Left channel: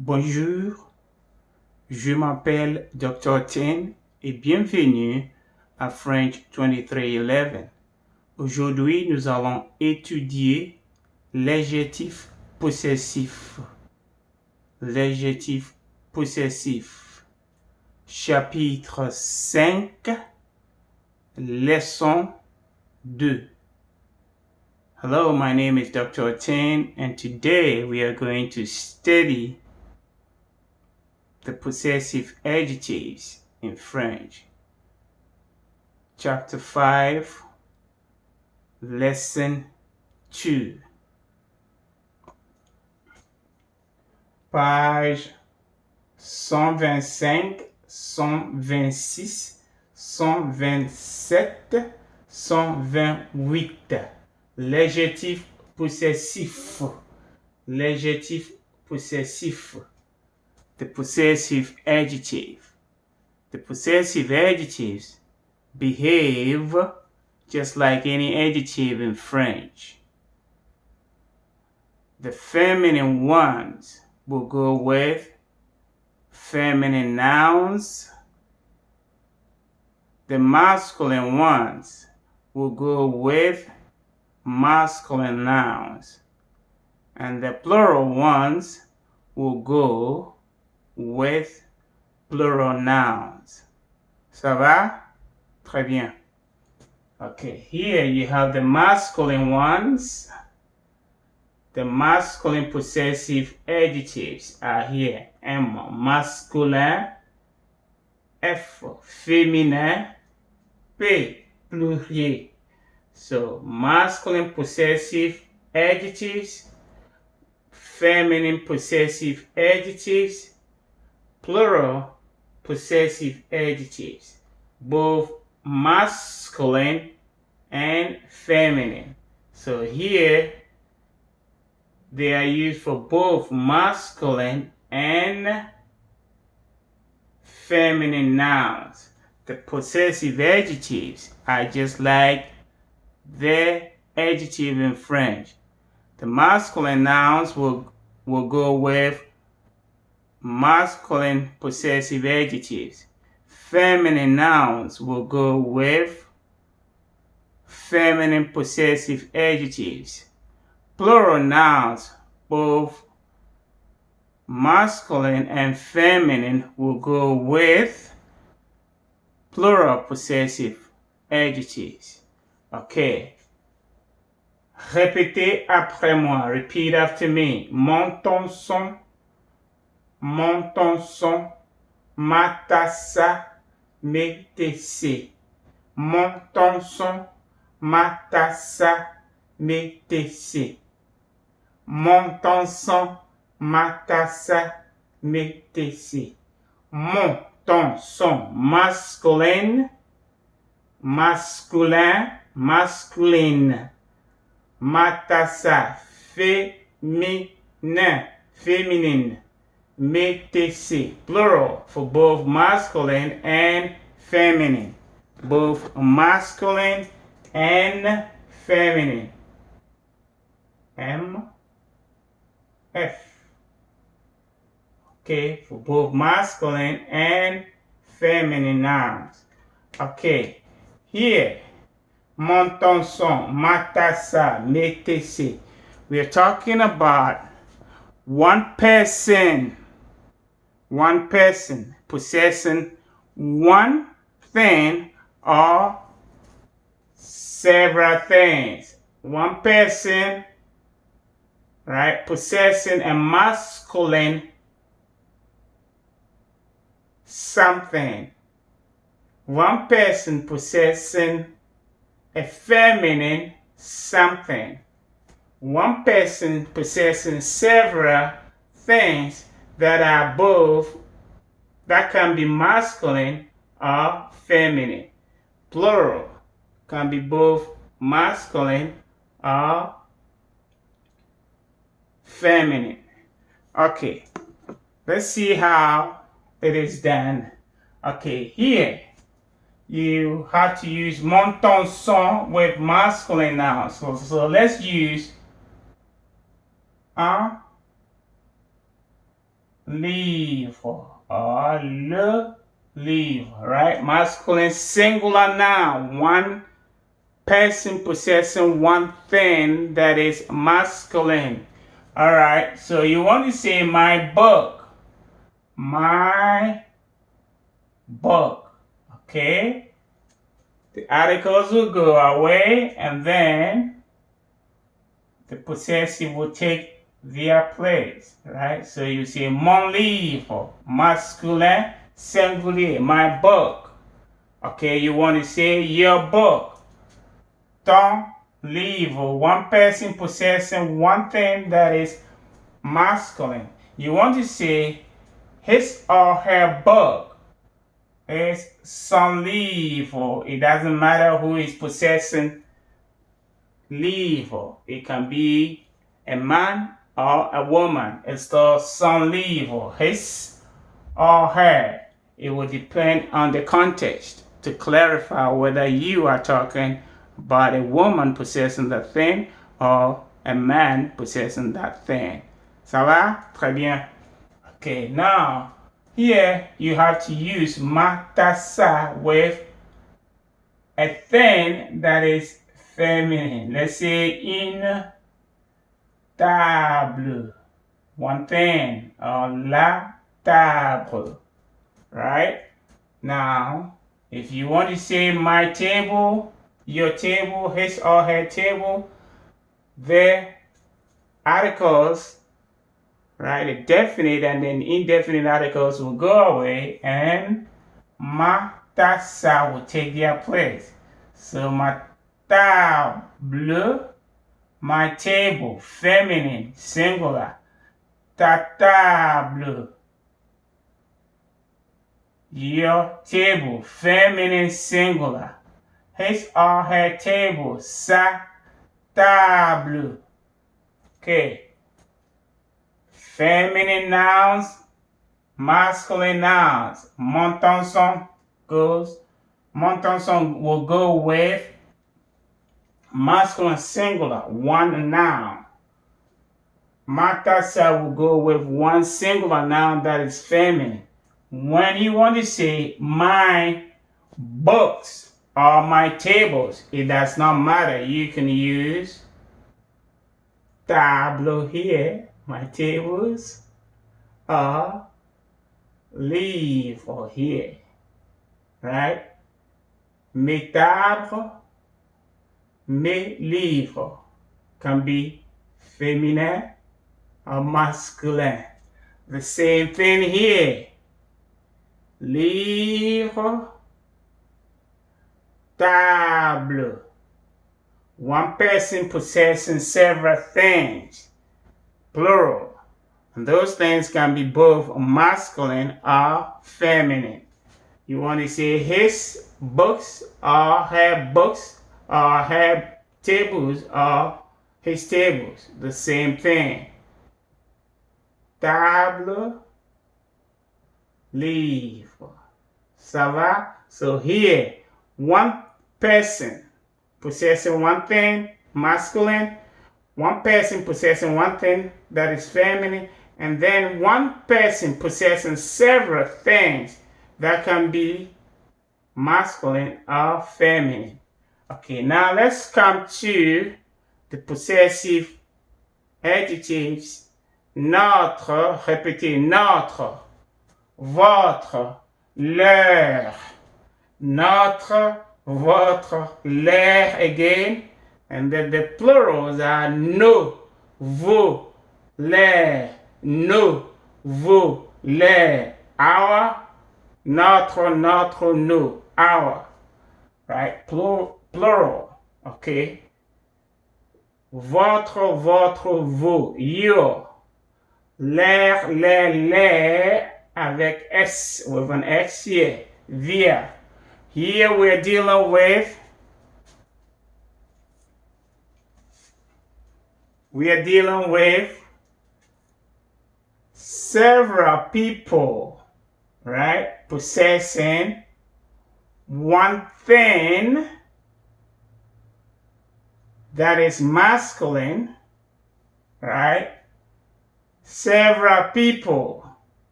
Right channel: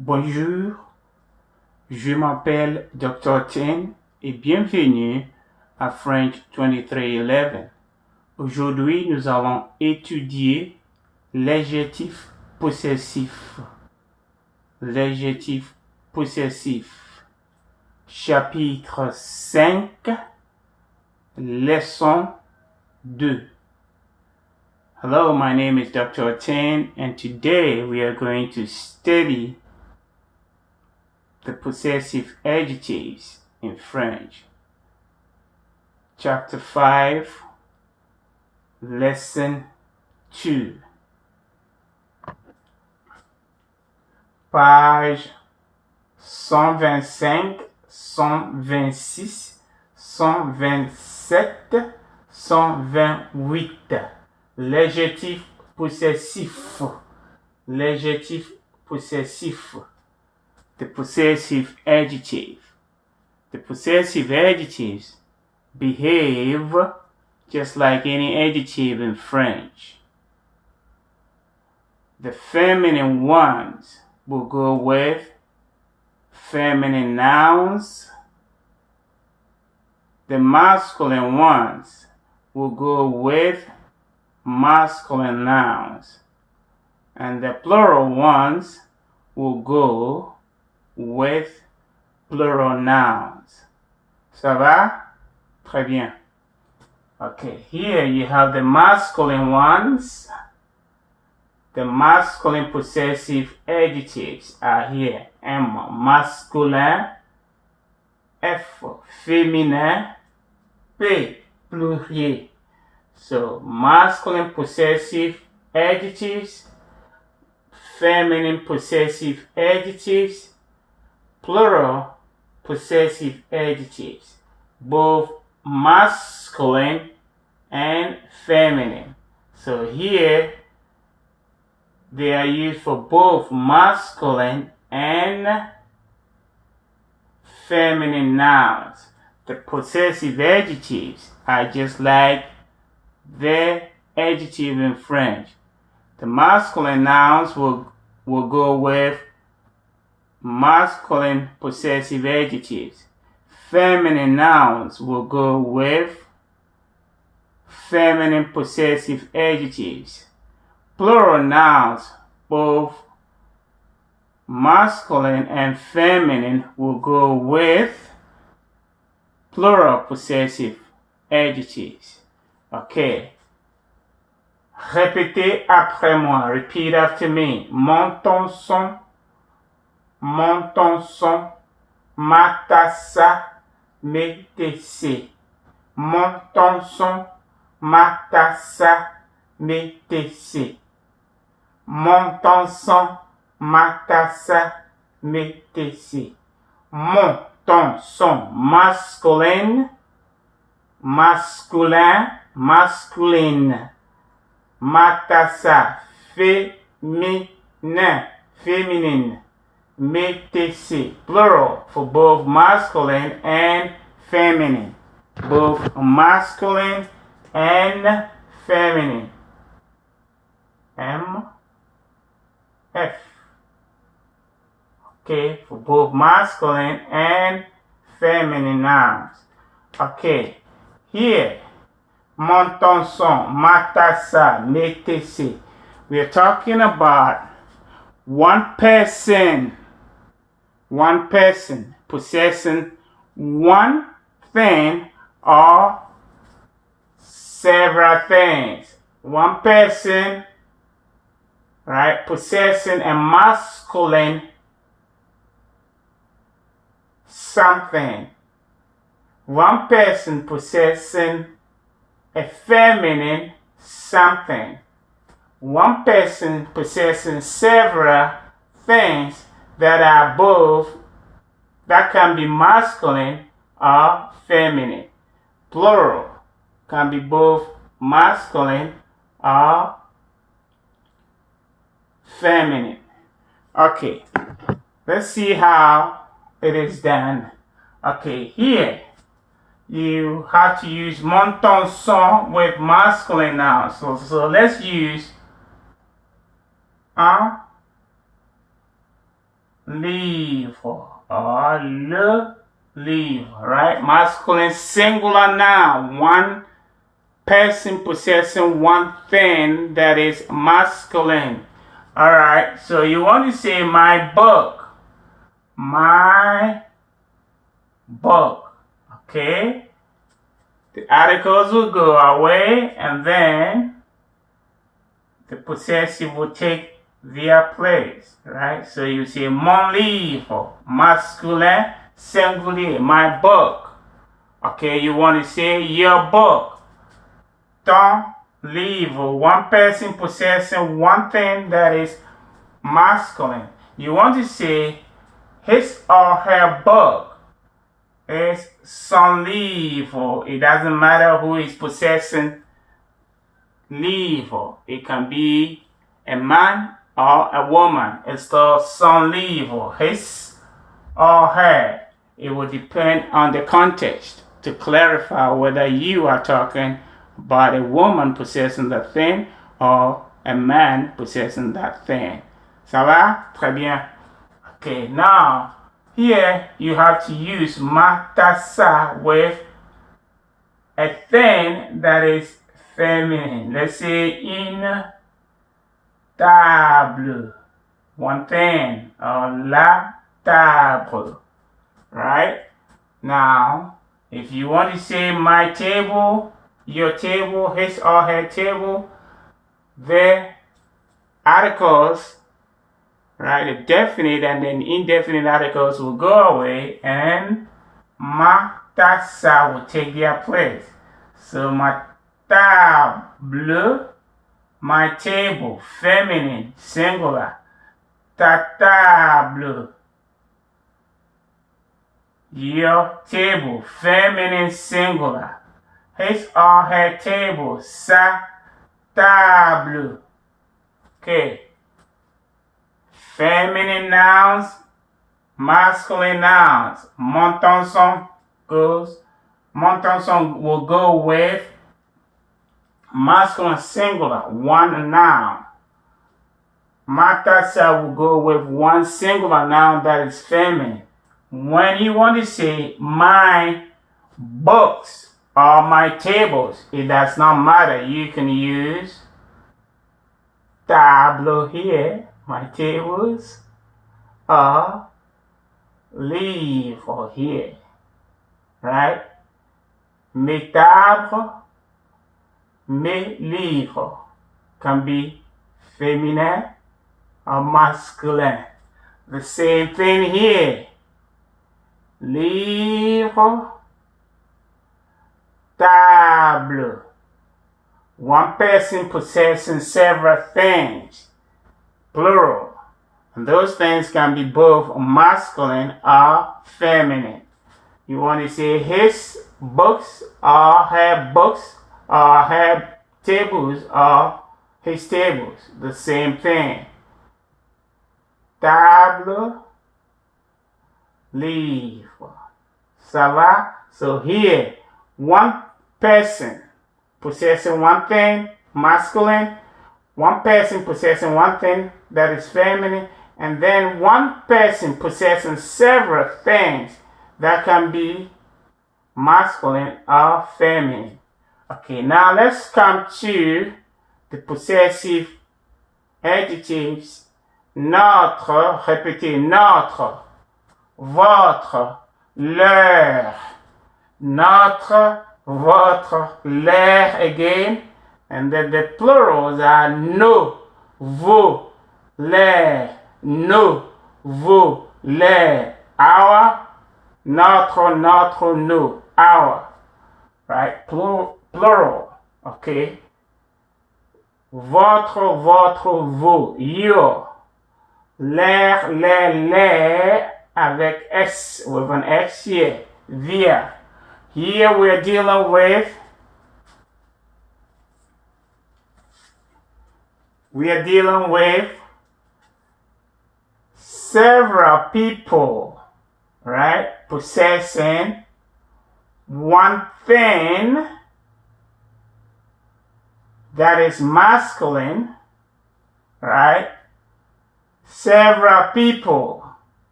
Bonjour, je m'appelle Dr. Tin et bienvenue à French 2311. Aujourd'hui, nous allons étudier l'adjectif possessif. L'adjectif possessif. Chapitre 5, leçon 2. Hello, my name is Dr. Tin, and today we are going to study the possessive adjectives in French. Chapter 5, Lesson 2. Page 125, 126, 127, 128. L'adjectif possessif. L'adjectif possessif. The possessive adjective. The possessive adjectives behave just like any adjective in French. The feminine ones will go with feminine nouns. The masculine ones will go with masculine nouns. And the plural ones will go with plural nouns. Ça va? Très bien. Okay, here you have the masculine ones. The masculine possessive adjectives are here. M, masculin. F, féminin. P, pluriel. So, masculine possessive adjectives, feminine possessive adjectives, plural possessive adjectives, both masculine and feminine. So here they are used for both masculine and feminine nouns. The possessive adjectives are just like the adjective in French. The masculine nouns will go with masculine possessive adjectives. Feminine nouns will go with feminine possessive adjectives. Plural nouns, both masculine and feminine, will go with plural possessive adjectives. Okay. Répétez après moi. Repeat after me. Monte ton son. Monte ton son. Matassa. Métessé. Monte ton son. Matassa. Métessé. Monte ton son. Matassa. Métessé. Monte ton son. Masculin. Masculin. Masculine. Matassa, féminin, féminine. Métessé, plural for both masculine and feminine. Both masculine and feminine. M, F. Okay, for both masculine and feminine nouns. Okay, here. Monte ton son, matassa, métessé. We are talking about one person possessing one thing or several things. One person, right, possessing a masculine something. One person possessing a feminine something. One person possessing several things that are both, that can be masculine or feminine. Plural can be both masculine or feminine. Okay, let's see how it is done. Okay, here you have to use monte ton son with masculine nouns. So let's use un, livre or le livre, right? Masculine singular noun, one person possessing one thing that is masculine. All right, so you want to say my book, my book, okay? The articles will go away and then the possessive will take their place, right? So you say mon livre, masculine, singulier, my book. Okay, you want to say your book, ton livre, one person possessing one thing that is masculine. You want to say his or her book is son livre. It doesn't matter who is possessing livre. It can be a man or a woman. It's called son livre, his or her. It will depend on the context to clarify whether you are talking about a woman possessing that thing or a man possessing that thing. Ça va? Très bien. Okay, now here you have to use ma, ta, sa with a thing that is feminine. Let's say une table, one thing, or la table, right? Now, if you want to say my table, your table, his or her table, the articles, right, the definite and then indefinite articles will go away and ma, ta, sa will take their place. So ma table, my table, feminine, singular. Ta table, your table, feminine, singular. His or her table, sa table. Okay. Feminine nouns, masculine nouns. Mon son will go with masculine singular, one noun. Ma, ta, sa will go with one singular noun that is feminine. When you want to say my books or my tables, it does not matter. You can use table here, my tables, or livre here, right? Mes tables, mes livres can be feminine or masculine. The same thing here. Livre, table. One person possessing several things, plural. And those things can be both masculine or feminine. You want to say his books or her books or her tables or his tables. The same thing. Table, livre. Ça va? So here, one person possessing one thing, masculine, one person possessing one thing that is feminine, and then one person possessing several things that can be masculine or feminine. Okay, now let's come to the possessive adjectives. Notre, répétez, notre, votre, leur, notre, votre, leur again, and then the plurals are nos, vos, leur, nos, vos, leur, our, notre, notre, nos, our, right? Plural, okay? Votre, votre, vos, your, leur, les, avec S, with an X here, their. Here we're dealing with several people, right, possessing one thing that is masculine, right? Several people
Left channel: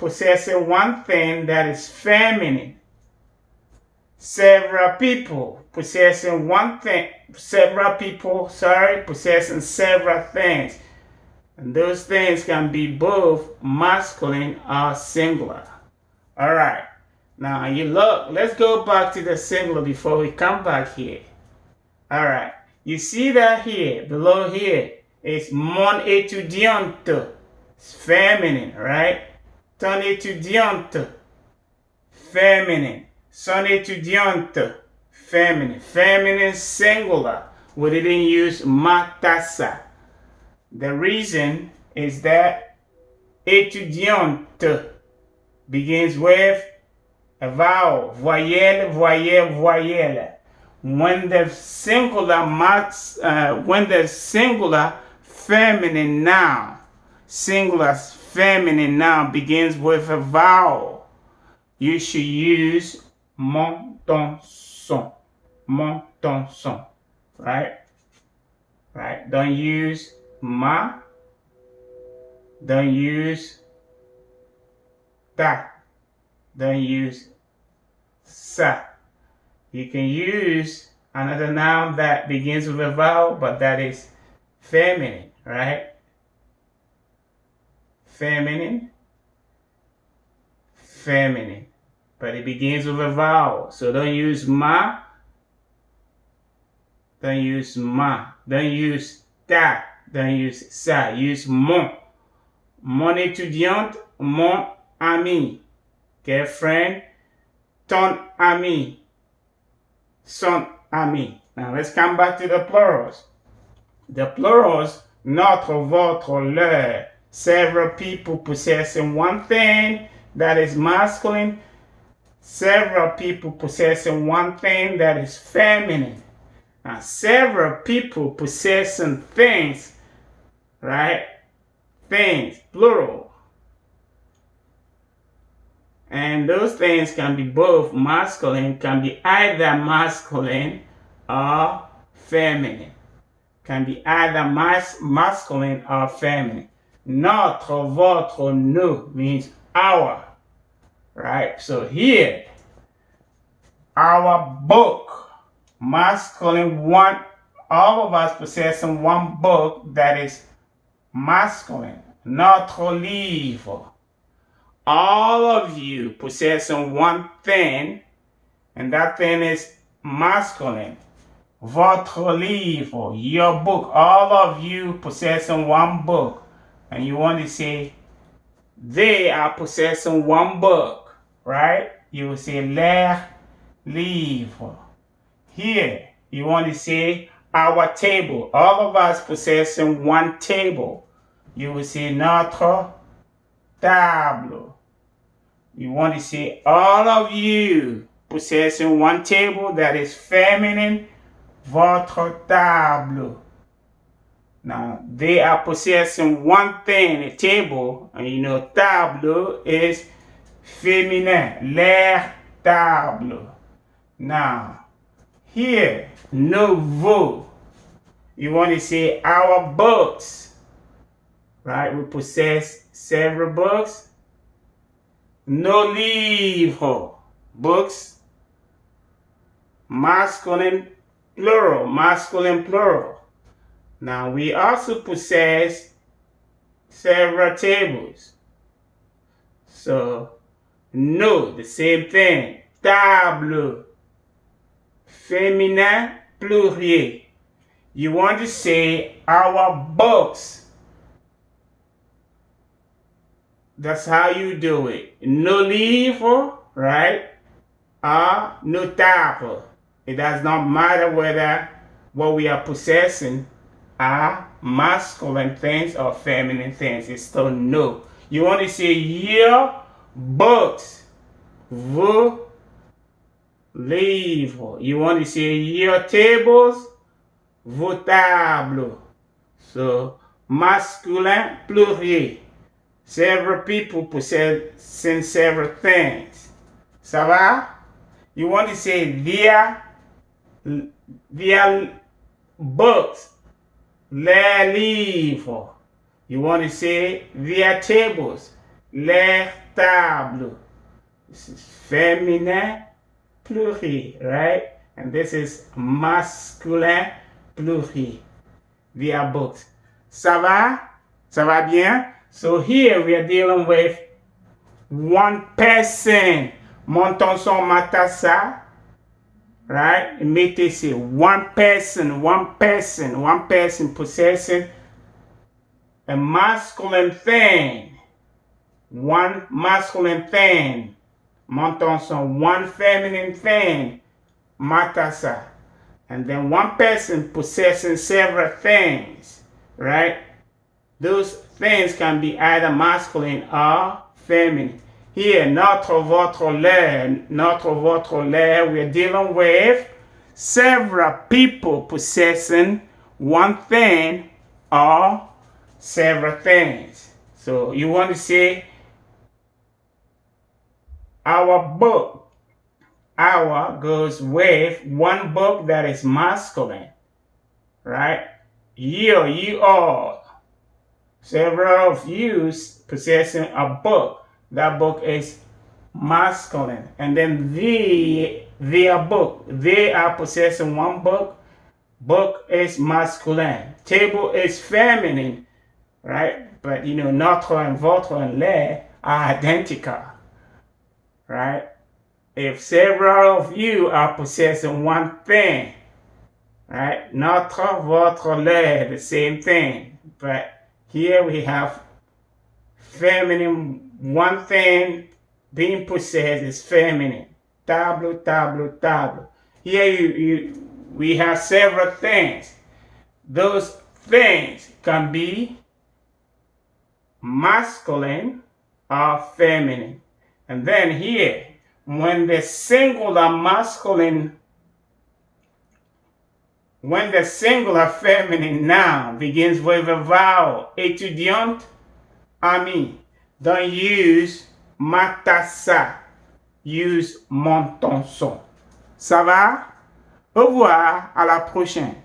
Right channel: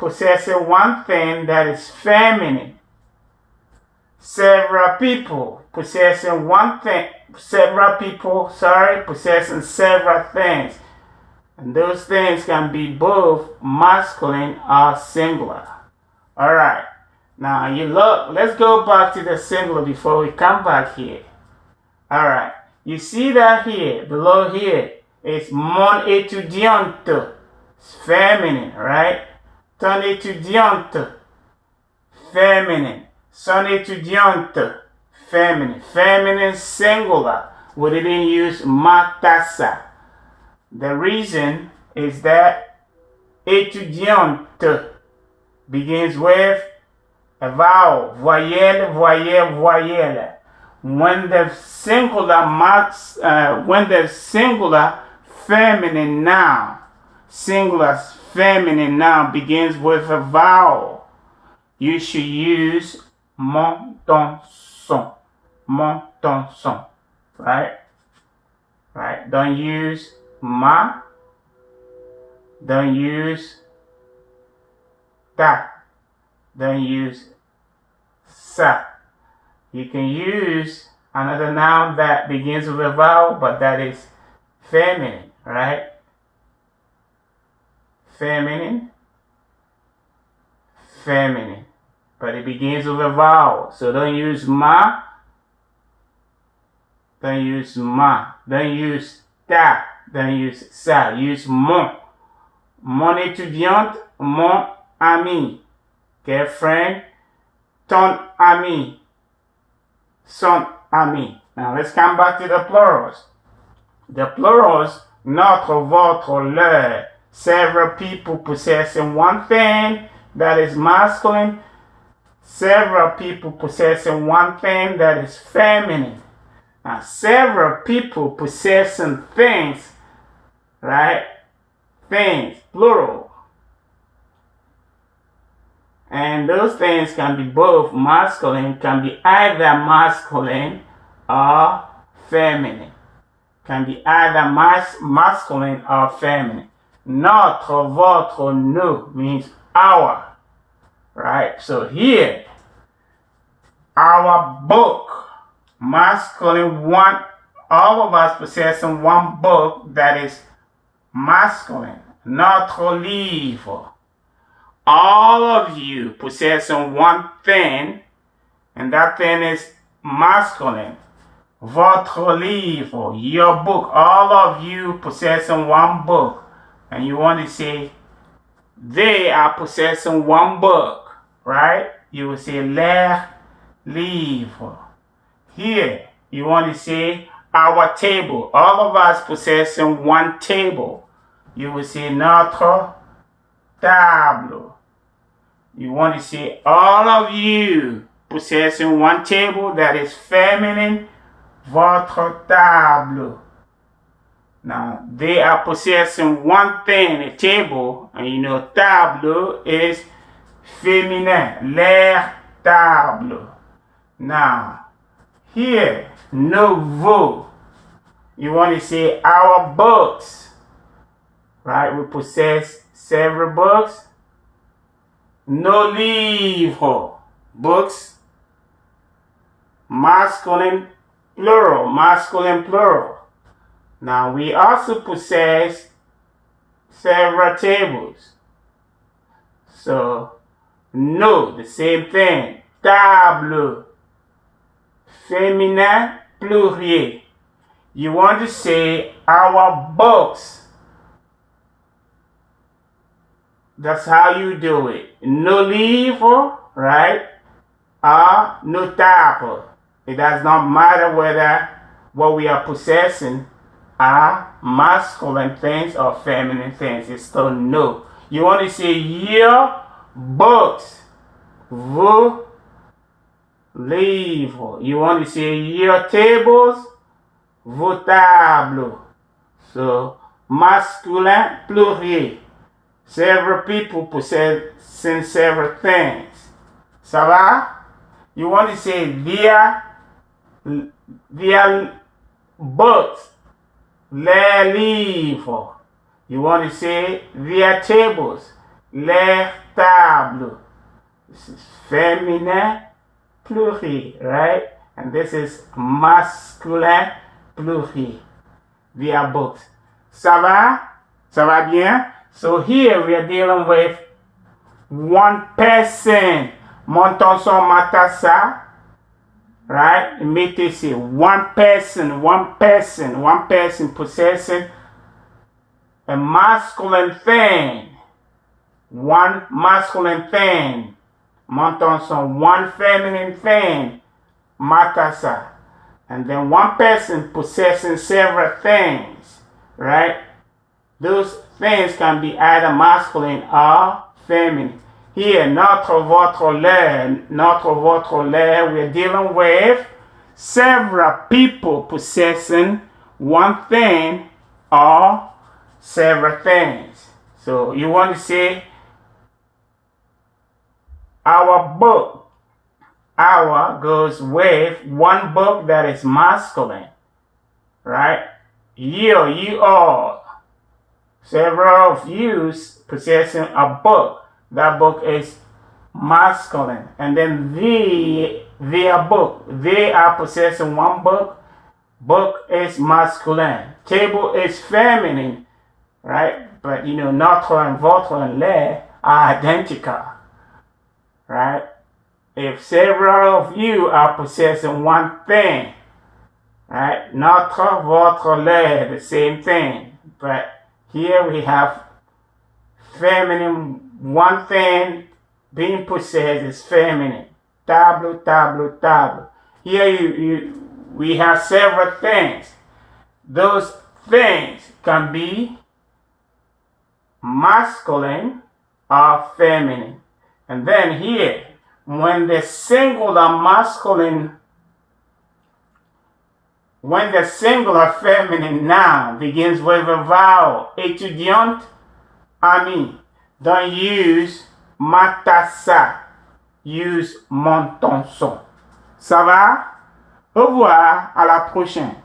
possessing one thing that is feminine. Several people possessing possessing several things. And those things can be both masculine or singular. All right. Now you look, let's go back to the singular before we come back here. All right. You see that here, below here, it's mon étudiante. It's feminine, right? Ton étudiante, feminine. Son étudiante, feminine. Feminine singular. We didn't use ma tasse. The reason is that étudiante begins with a vowel. Voyelle, voyelle, voyelle. When the singular feminine noun, singular feminine noun begins with a vowel, you should use mon, ton, son. Mon, ton, son. Right? Right? Don't use ma. Don't use ta. Don't use sa. You can use another noun that begins with a vowel, but that is feminine, right? Feminine. Feminine. But it begins with a vowel. So don't use ma. Don't use ma. Don't use ta. Don't use sa. Use mon. Mon étudiante, mon ami. Okay, friend. Ton ami. Son ami. Now let's come back to the plurals. The plurals, notre, votre, leur. Several people possessing one thing that is masculine. Several people possessing one thing that is feminine. Now, several people possessing things, right? Things, plural. And those things can be both masculine, can be either masculine or feminine. Can be either masculine or feminine. Notre, votre, nous means our. Right? So here, our book, masculine, one, all of us possessing one book that is masculine. Notre livre. All of you possessing one thing, and that thing is masculine. Votre livre, your book. All of you possessing one book. And you want to say, they are possessing one book, right? You will say, leur livre. Here, you want to say, our table. All of us possessing one table. You will say, notre table. You want to say, all of you possessing one table that is feminine, votre table. Now, they are possessing one thing, a table, and you know, table is féminin, leur table. Now, here, nouveau, you want to say our books, right? We possess several books. Nos livres, books, masculine, plural, masculine, plural. Now, we also possess several tables. So, no, the same thing. Table, féminin, pluriel. You want to say our books. That's how you do it. Nos livres, right? Or nos tables. It does not matter whether what we are possessing are masculine things or feminine things. It's still no. You want to say your books, vos livres. You want to say your tables, vos tables. So masculin, pluriel. Several people possessing several things. Ça va? You want to say their books. Les livres. You want to say their tables. Les table. This is féminin pluriel, right? And this is masculin pluriel. Via books. Ça va? Ça va bien? So here we are dealing with one person. Montons son matassa. Right? Mettez ici. One person possessing a masculine thing. One masculine thing. Montons son one feminine thing. Matassa. And then one person possessing several things. Right? Those things can be either masculine or feminine. Here, notre, votre, leur, we're dealing with several people possessing one thing or several things. So you want to say, our book. Our goes with one book that is masculine. Right? You all. Several of you possessing a book. That book is masculine. And then their book. They are possessing one book. Book is masculine. Table is feminine. Right? But you know, notre and votre and leur are identical. Right? If several of you are possessing one thing, right? Notre, votre, leur, the same thing. But here we have feminine. One thing being possessed is feminine. Table, table, table. Here we have several things. Those things can be masculine or feminine. And then here, when the singular feminine noun begins with a vowel, étudiante, ami, don't use matassa, use montonson. Ça va? Au revoir, à la prochaine.